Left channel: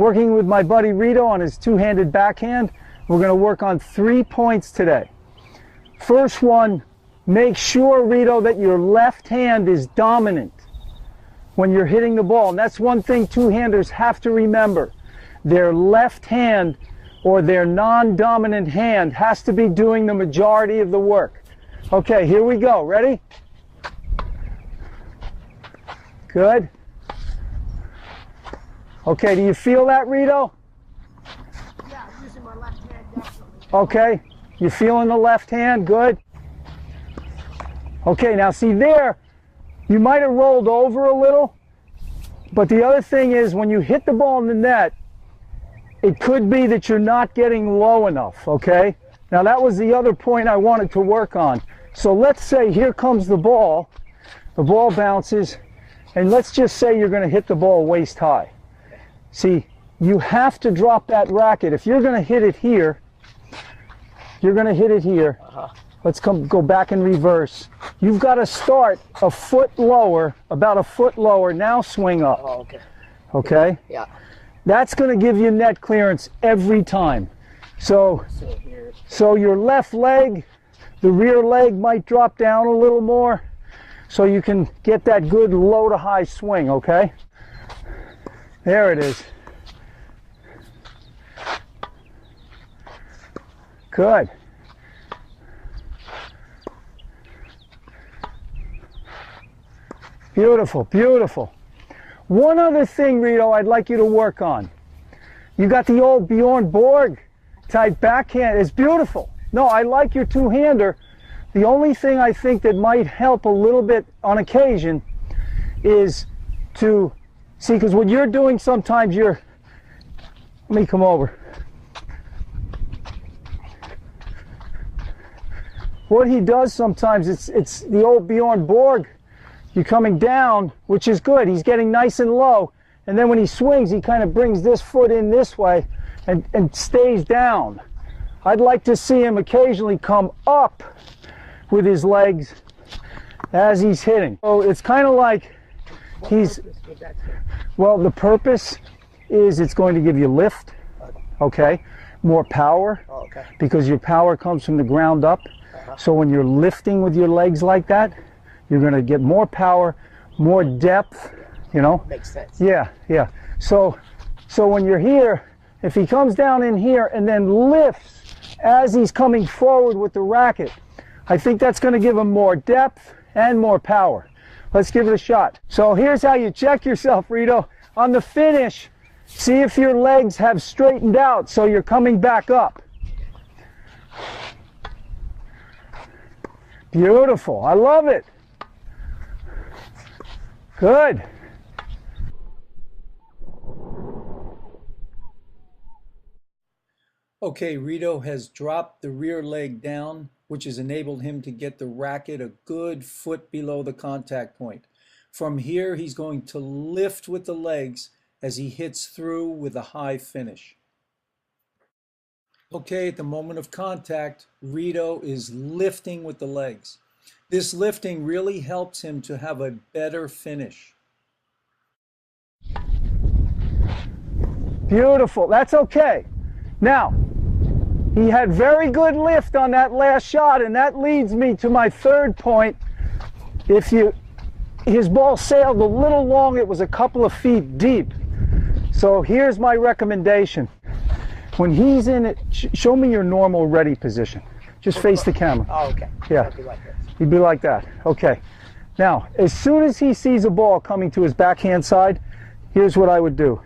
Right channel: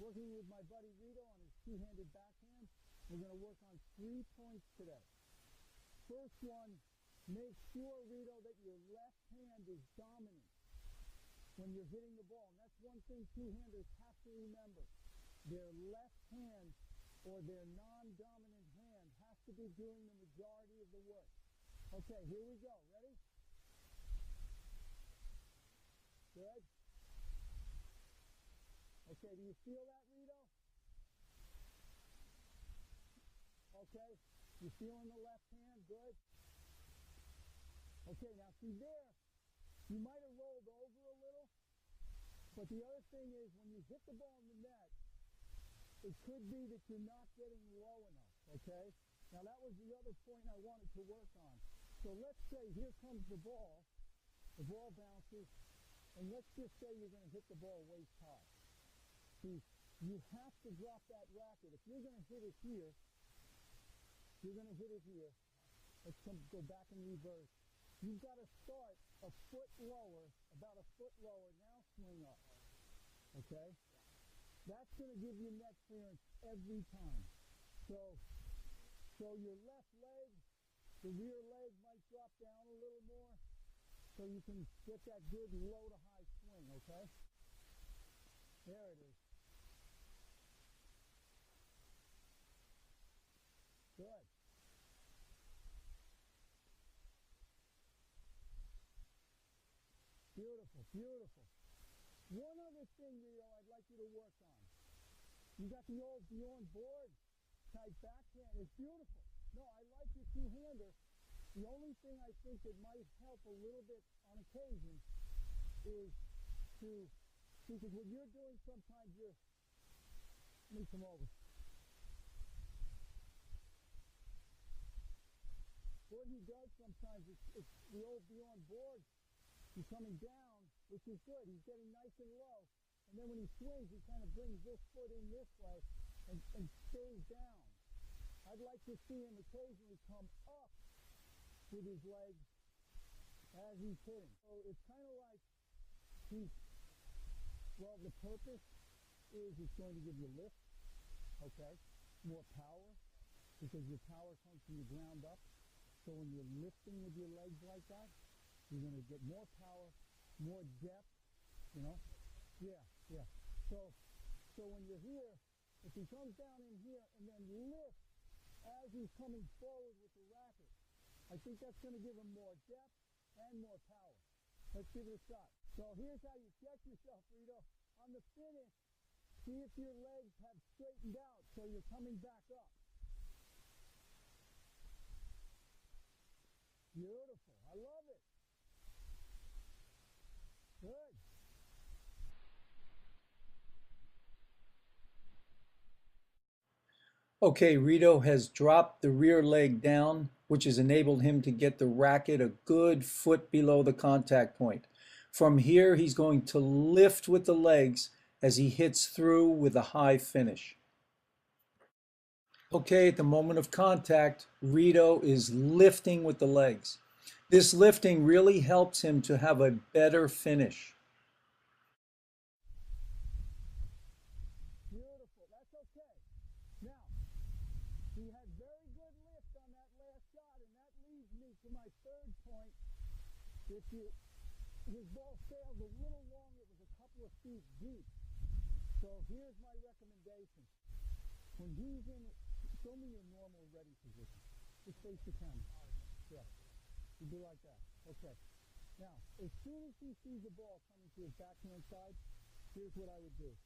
working with my buddy Rito on his two-handed backhand. We're going to work on 3 points today. First one, make sure, Rito, that your left hand is dominant when you're hitting the ball. And that's one thing two-handers have to remember. Their left hand or their non-dominant hand has to be doing the majority of the work. Okay, here we go. Ready? Good. Okay, do you feel that, Rito? Yeah, I'm using my left hand definitely. Okay, you feeling the left hand? Good. Okay, now see there, you might have rolled over a little, but the other thing is when you hit the ball in the net, it could be that you're not getting low enough, okay? Now that was the other point I wanted to work on. So let's say here comes the ball bounces, and let's just say you're going to hit the ball waist high. See, you have to drop that racket. If you're going to hit it here, you're going to hit it here. Let's go back in reverse. You've got to start a foot lower, about a foot lower, now swing up. Oh, okay. Okay? Yeah. That's going to give you net clearance every time. So your left leg, the rear leg might drop down a little more so you can get that good low to high swing, okay? There it is. Good. Beautiful, beautiful. One other thing, Rito, I'd like you to work on. You got the old Bjorn Borg type backhand. It's beautiful. No, I like your two-hander. The only thing I think that might help a little bit on occasion is to see, because what you're doing sometimes let me come over. What he does sometimes, it's the old Bjorn Borg. You're coming down, which is good. He's getting nice and low. And then when he swings, he kind of brings this foot in this way and stays down. I'd like to see him occasionally come up with his legs as he's hitting. So it's kind of like well, the purpose is it's going to give you lift, okay, more power, because your power comes from the ground up. So when you're lifting with your legs like that, you're going to get more power, more depth, you know. Makes sense. Yeah, yeah. So when you're here, if he comes down in here and then lifts as he's coming forward with the racket, I think that's going to give him more depth and more power. Let's give it a shot. So here's how you check yourself, Rito. On the finish, see if your legs have straightened out so you're coming back up. Beautiful. I love it. Good. Okay, Rito has dropped the rear leg down, which has enabled him to get the racket a good foot below the contact point. From here, he's going to lift with the legs as he hits through with a high finish. Okay, at the moment of contact, Rito is lifting with the legs. This lifting really helps him to have a better finish. Beautiful. That's okay. Now, he had very good lift on that last shot, and that leads me to my third point. His ball sailed a little long, it was a couple of feet deep. So here's my recommendation. When he's in it, show me your normal ready position. Just face the camera. Oh, okay. Yeah. I'll be like this. He'd be like that. Okay. Now, as soon as he sees a ball coming to his backhand side, here's what I would do.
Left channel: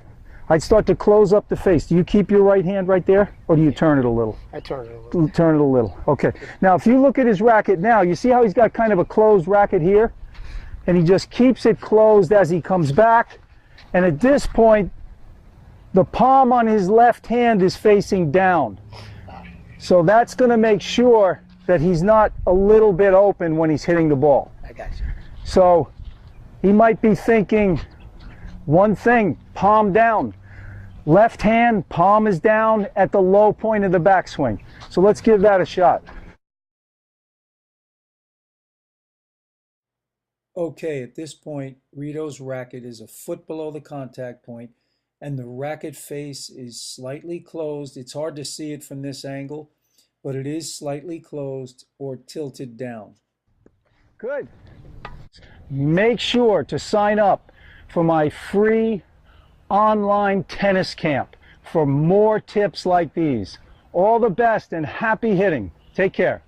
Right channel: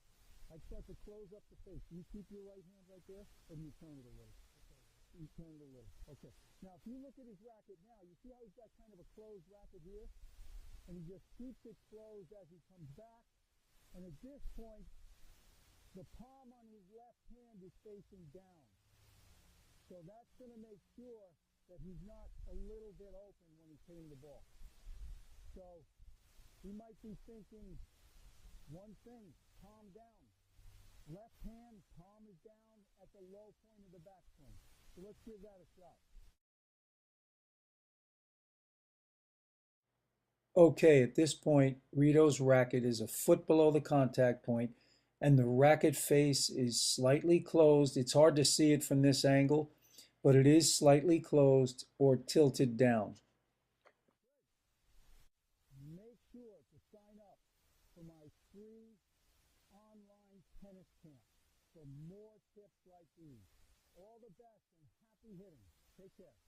I'd start to close up the face. Do you keep your right hand right there, or do you turn it a little? I turn it a little. Turn it a little. Okay. Now, if you look at his racket now, you see how he's got kind of a closed racket here? And he just keeps it closed as he comes back. And at this point, the palm on his left hand is facing down. So that's going to make sure that he's not a little bit open when he's hitting the ball. I got you. So he might be thinking one thing, palm down. Left hand, palm is down at the low point of the backswing. So let's give that a shot. Okay, at this point, Rito's racket is a foot below the contact point, and the racket face is slightly closed. It's hard to see it from this angle, but it is slightly closed or tilted down. Good. Make sure to sign up for my free online tennis camp for more tips like these. All the best and happy hitting. Take care.